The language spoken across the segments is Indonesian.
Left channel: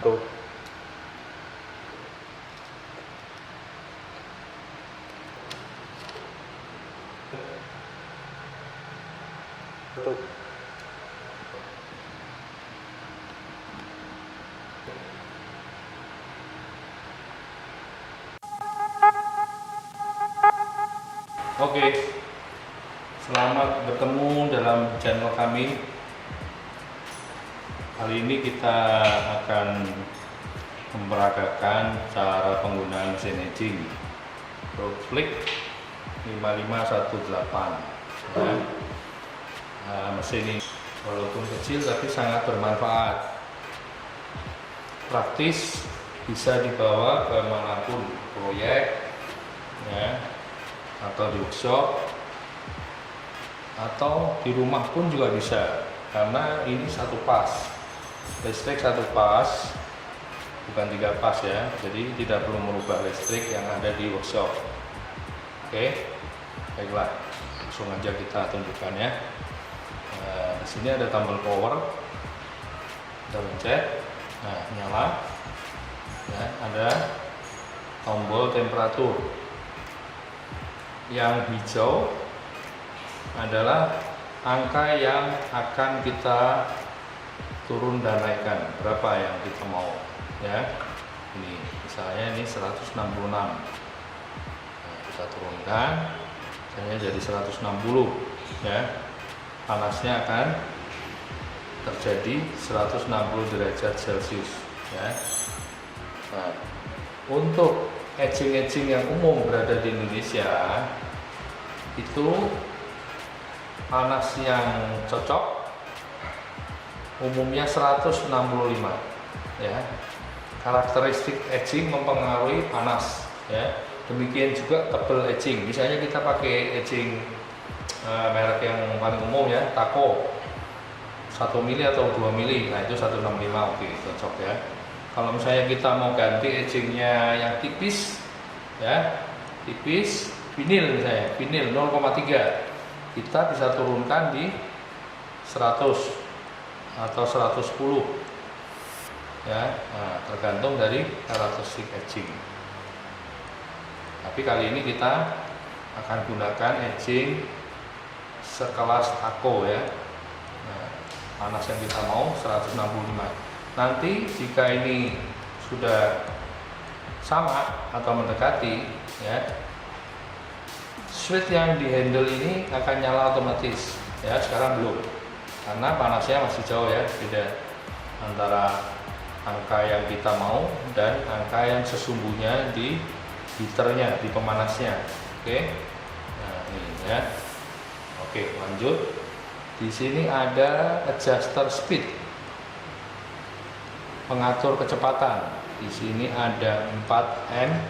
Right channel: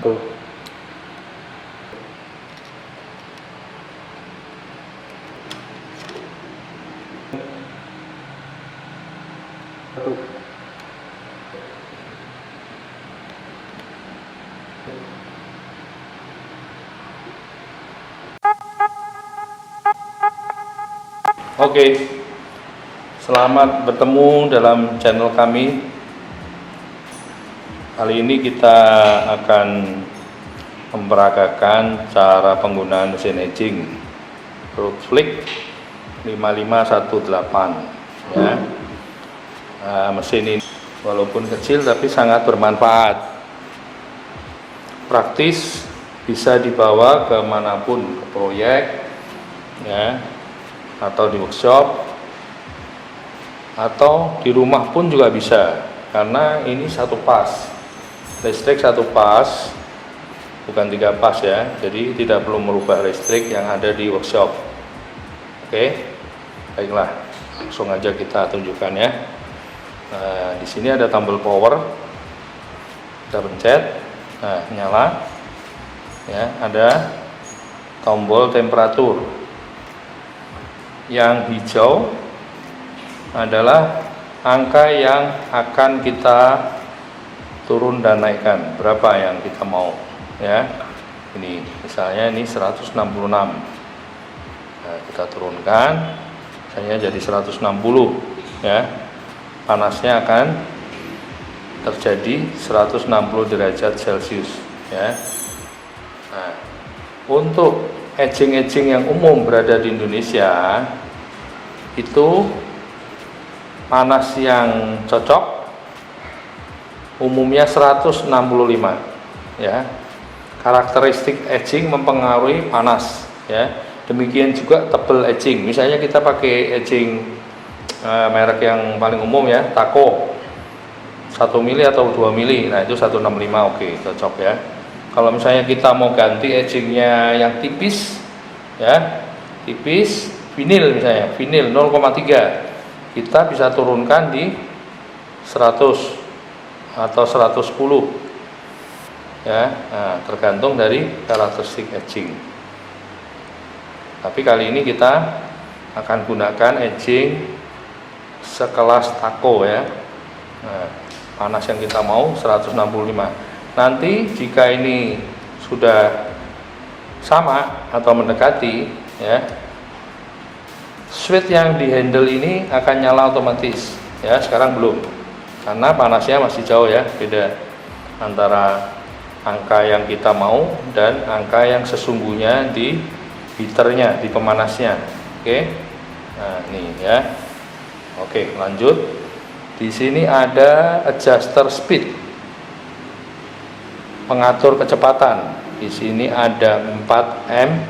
Tuh. Tuh. Oke, selamat bertemu dalam channel kami. Kali ini kita akan memperagakan cara penggunaan mesin etching Rotflix 5518 ya. Mesin ini walaupun kecil tapi sangat bermanfaat, praktis, bisa dibawa kemanapun, ke proyek ya, atau di workshop, atau di rumah pun juga bisa, karena ini satu pas listrik, satu pas, bukan 3 pas ya, jadi tidak perlu merubah listrik yang ada di workshop. Oke, baiklah, langsung aja kita tunjukkan ya. Nah, di sini ada tombol power, kita pencet, nah nyala ya. Ada tombol temperatur, yang hijau adalah angka yang akan kita turun dan naikkan, berapa yang kita mau ya. Ini misalnya ini 166, nah, kita turunkan misalnya jadi 160 ya. Panasnya akan terjadi 160 derajat Celcius ya. Nah, untuk etching yang umum berada di Indonesia itu panas yang cocok umumnya 165 ya. Karakteristik etching mempengaruhi panas ya. Demikian juga tebal etching. Misalnya kita pakai etching merek yang paling umum ya, Taco 1 mili atau 2 mili, nah itu 165, oke, cocok ya. Kalau misalnya kita mau ganti etchingnya yang tipis ya, tipis, vinil misalnya, vinil 0,3, kita bisa turunkan di 100 atau 110 ya. Nah, tergantung dari karakteristik etching. Tapi kali ini kita akan gunakan etching sekelas Taco ya. Nah, panas yang kita mau 165. Nanti jika ini sudah sama atau mendekati ya, switch yang di handle ini akan nyala otomatis ya. Sekarang belum, karena panasnya masih jauh ya, beda antara angka yang kita mau dan angka yang sesungguhnya di heaternya, di pemanasnya. Oke, nah ini ya. Oke, lanjut. Di sini ada adjuster speed, pengatur kecepatan. Di sini ada 4M,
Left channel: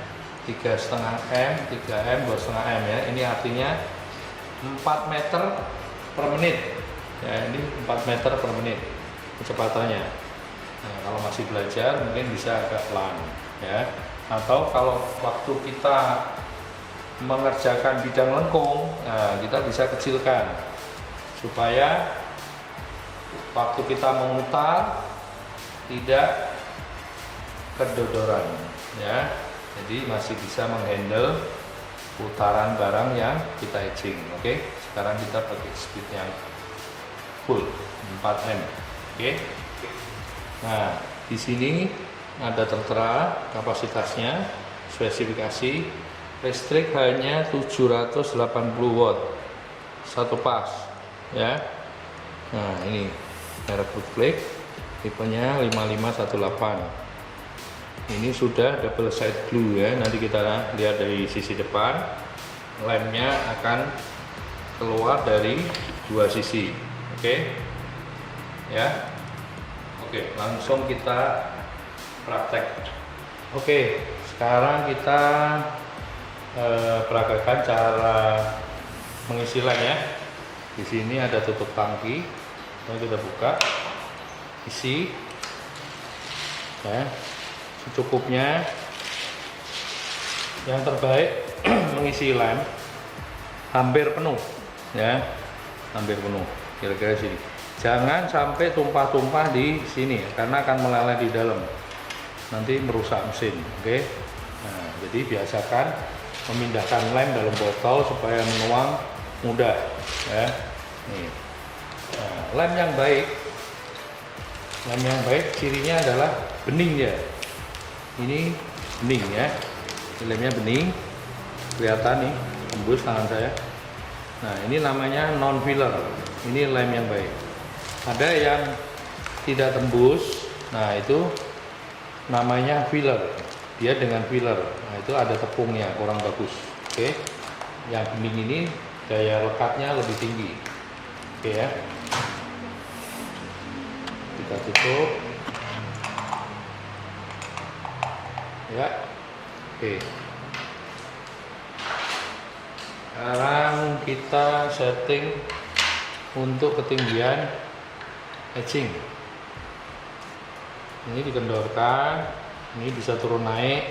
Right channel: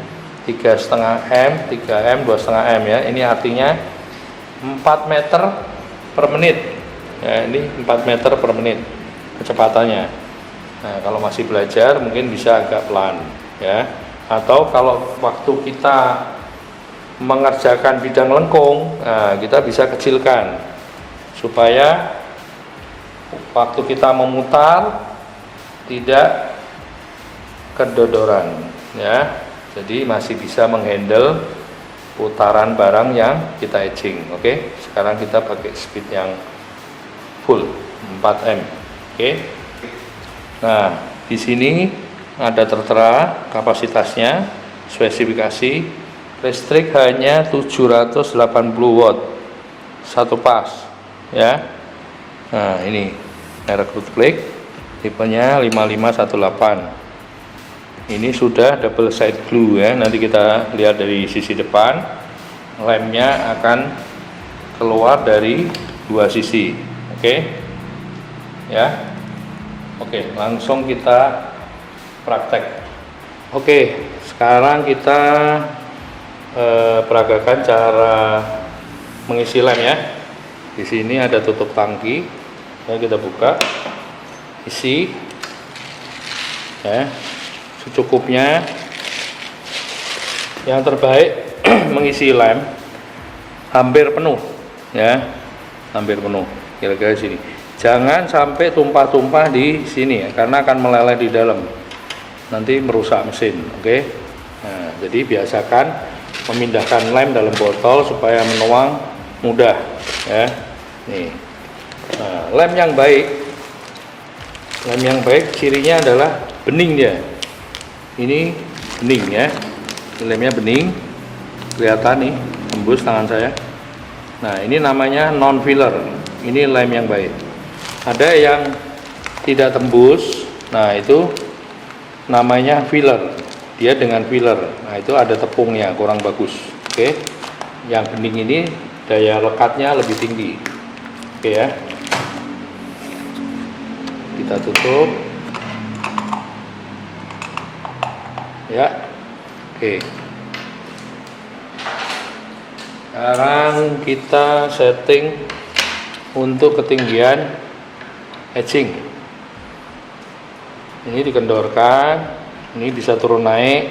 3,5M, 3M, 2,5M ya. Ini artinya 4 meter per menit ya. Ini 4 meter per menit kecepatannya. Nah, kalau masih belajar mungkin bisa agak pelan ya. Atau kalau waktu kita mengerjakan bidang lengkung, nah, kita bisa kecilkan supaya waktu kita memutar tidak kedodoran ya. Jadi masih bisa menghandle putaran barang yang kita etching. Oke, sekarang kita pakai speed yang full 4M. Oke. Nah, di sini ada tertera kapasitasnya, spesifikasi. Listrik hanya 780 watt satu pas ya. Nah, ini merek Rotflix, tipenya 5518. Ini sudah double side glue ya. Nanti kita lihat dari sisi depan, lemnya akan keluar dari dua sisi. Oke ya. Oke, langsung kita praktek. Oke, sekarang kita peragakan cara mengisi lem ya. Di sini ada tutup tangki, ya, kita buka, isi ya secukupnya. Yang terbaik mengisi lem hampir penuh ya, hampir penuh, kira-kira sini. Jangan sampai tumpah-tumpah di sini ya, karena akan meleleh di dalam. nanti merusak mesin. Oke. Nah, jadi biasakan memindahkan lem dalam botol supaya menuang mudah ya. Nih. Nah, lem yang baik cirinya adalah bening dia. Ini bening ya, lemnya bening, kelihatan nih tembus tangan saya. Nah, ini namanya non filler, ini lem yang baik. Ada yang tidak tembus, nah itu namanya filler, dia dengan filler. Nah, itu ada tepungnya, kurang bagus. Oke, yang bening ini daya lekatnya lebih tinggi. Oke ya, kita tutup ya. Oke, sekarang kita setting untuk ketinggian etching. Ini dikendorkan, ini bisa turun naik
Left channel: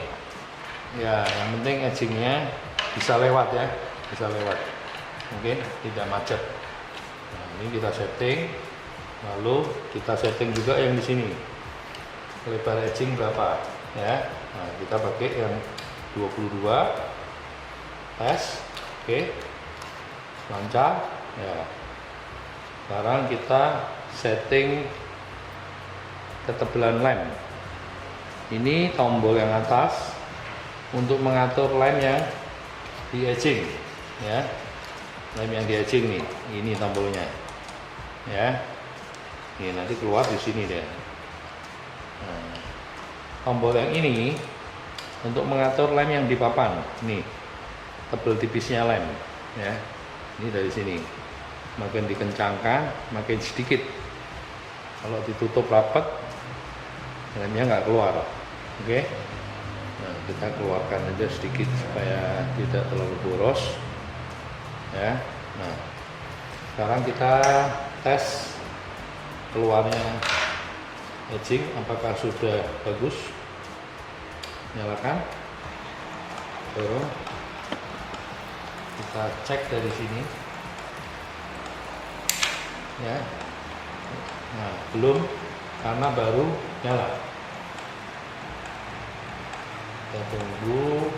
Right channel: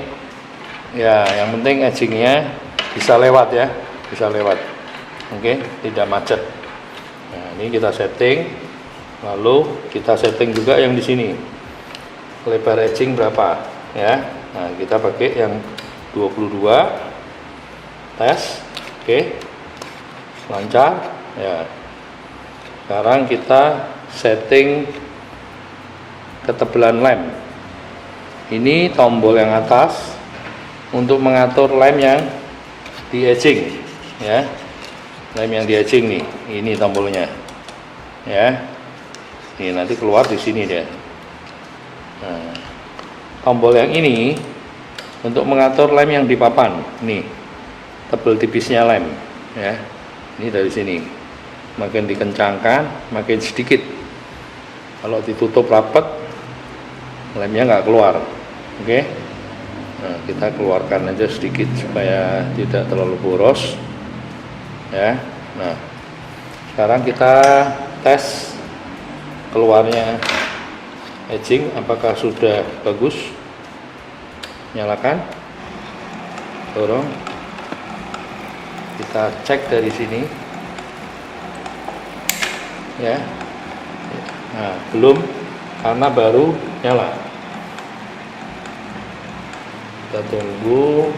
ya, yang penting etchingnya bisa lewat ya, bisa lewat. Oke, tidak macet. Nah, ini kita setting, lalu kita setting juga yang di sini lebar etching berapa ya. Nah, kita pakai yang 22 tes. Oke, lancar ya. Sekarang kita setting ketebalan lem. Ini tombol yang atas untuk mengatur lem yang di etching ya. Lem yang di etching nih, ini tombolnya ya. Ini nanti keluar di sini dia. Nah, tombol yang ini untuk mengatur lem yang di papan. Nih, tebal tipisnya lem ya. Ini dari sini. Makin dikencangkan, makin sedikit. Kalau ditutup rapat, lemnya nggak keluar. Oke. Nah, kita keluarkan aja sedikit supaya tidak terlalu boros ya. Nah, sekarang kita tes keluarnya etching apakah sudah bagus. Nyalakan, dorong, kita cek dari sini ya. Nah, belum, karena baru nyala. Kita tunggu.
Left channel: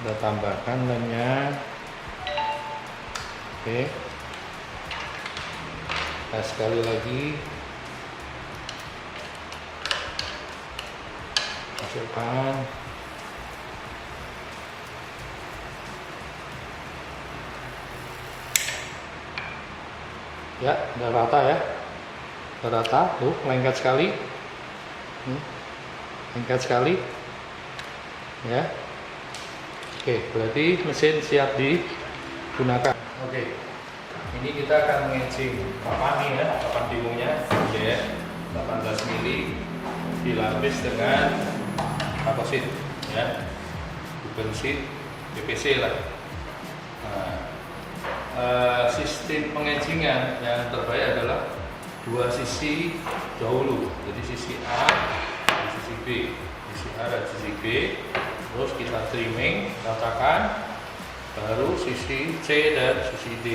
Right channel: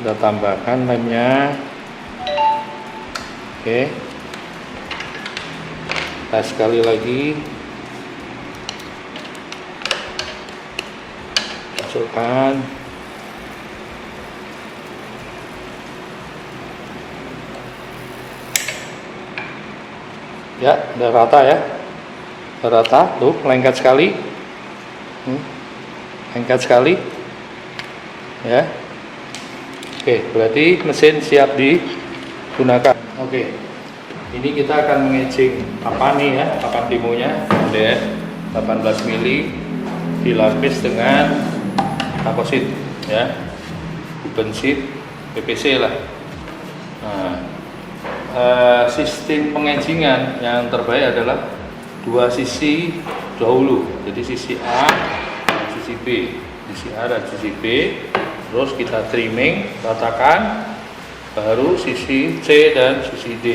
Kita tambahkan lemnya. Oke, tes sekali lagi. Masukkan. Ya, udah rata ya. Udah rata, tuh lengket sekali. Lengket sekali. Ya. Oke, berarti mesin siap digunakan. Oke. Ini kita akan mengecing papan nih ya, papan demonya DS 18 mili dilapis dengan komposit ya. Bukan sheet PVC lah. Nah, sistem pengecingan yang terbaik adalah dua sisi dahulu, jadi sisi A dan sisi B, sisi A dan sisi B, terus kita trimming, ratakan, baru sisi C dan sisi D.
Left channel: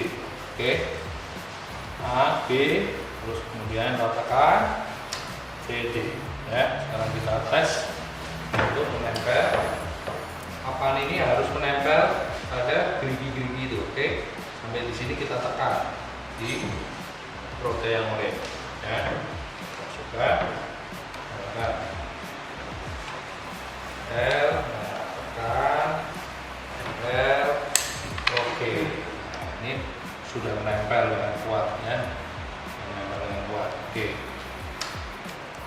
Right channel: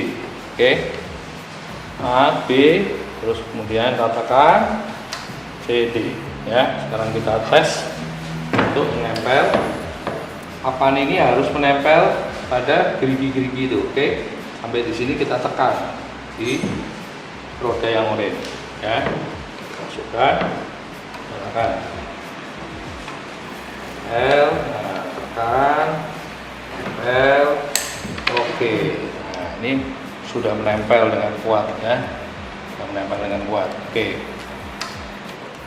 Oke, A, B, terus kemudian ratakan C, D ya. Sekarang kita tes untuk menempel. Papan ini harus menempel pada gerigi-gerigi itu. Oke, sampai di sini kita tekan di roda yang oranye ya. Masukkan, tekan L, nah, tekan L, oke. Nah, ini sudah menempel dengan kuat ya, menempel dengan kuat. Oke,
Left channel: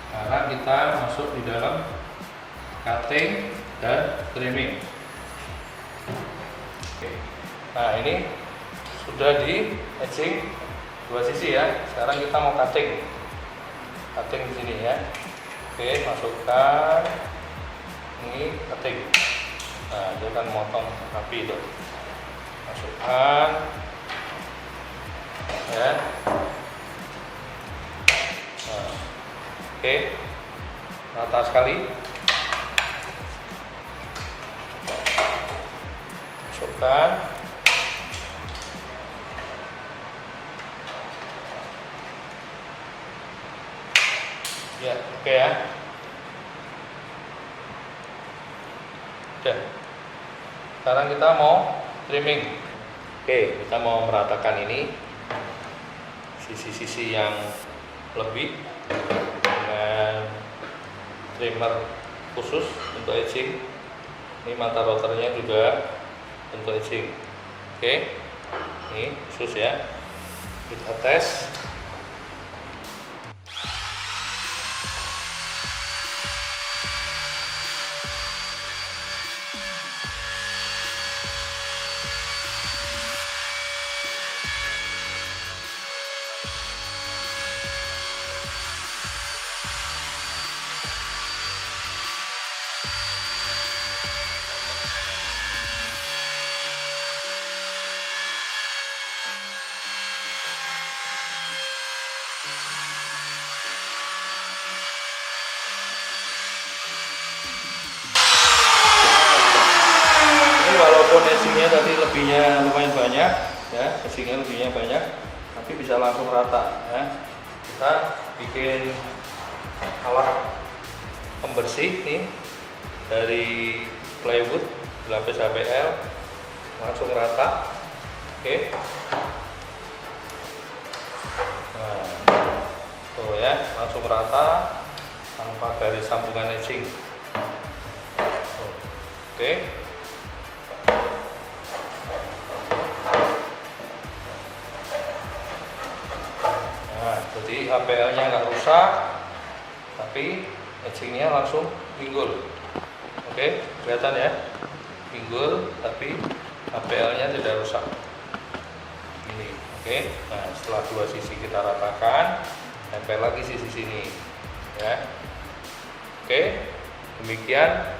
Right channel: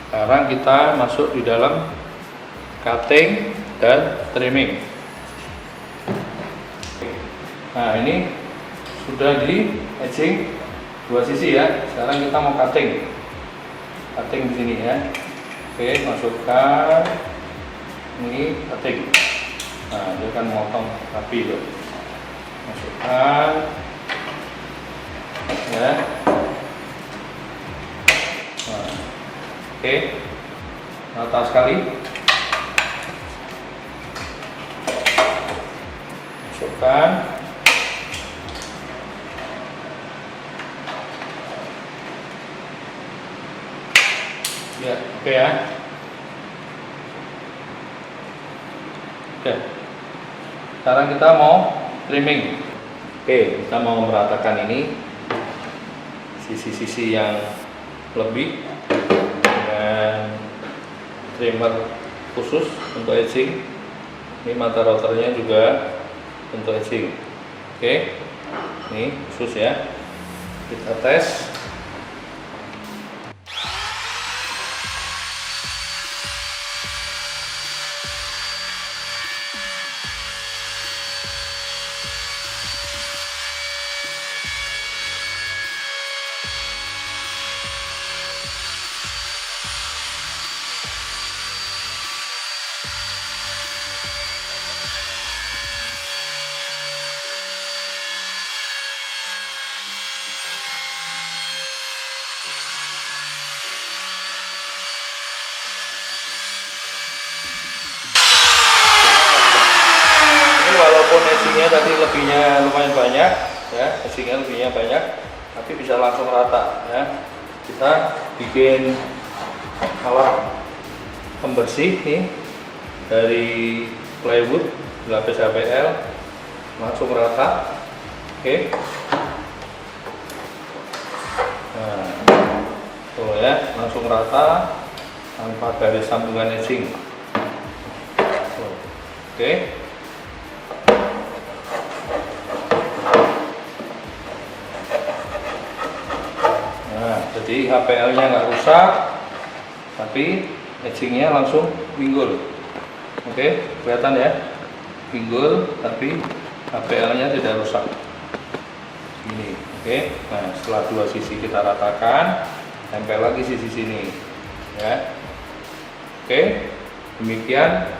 sekarang kita masuk di dalam cutting dan trimming. Oke. Nah, ini sudah di etching dua sisi ya. Sekarang kita mau cutting di sini ya. Oke, masukkan ini cutting. Nah, dia akan motong rapi itu. Masukkan ya. Nah, oke, rata sekali. Masukkan. Ya, oke ya. Oke. Sekarang kita mau trimming. Oke, kita mau meratakan ini sisi-sisi yang lebih dengan trimmer khusus untuk edging. Ini mata routernya juga untuk edging. Oke, ini khusus ya. Kita tes. Walaupun edgingnya tadi lebihnya lumayan banyak ya, edgingnya lebihnya banyak, tapi bisa langsung rata ya. Kita bikin alat pembersih nih dari plywood lapis HPL, langsung rata. Oke. Nah, tuh ya, langsung rata tanpa garis sambungan edging. Oke. Jadi HPL-nya nggak rusak, tapi edgingnya langsung pinggul. Oke, kelihatan ya, pinggul, tapi HPL-nya tidak rusak. Ini, oke. Nah, setelah dua sisi kita ratakan, tempel lagi sisi sini, ya. Oke, demikian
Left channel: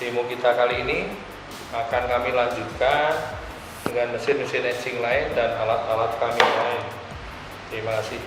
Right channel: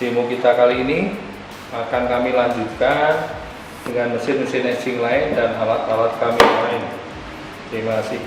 demo kita kali ini. Akan kami lanjutkan dengan mesin-mesin edging lain dan alat-alat kami lain. Terima kasih.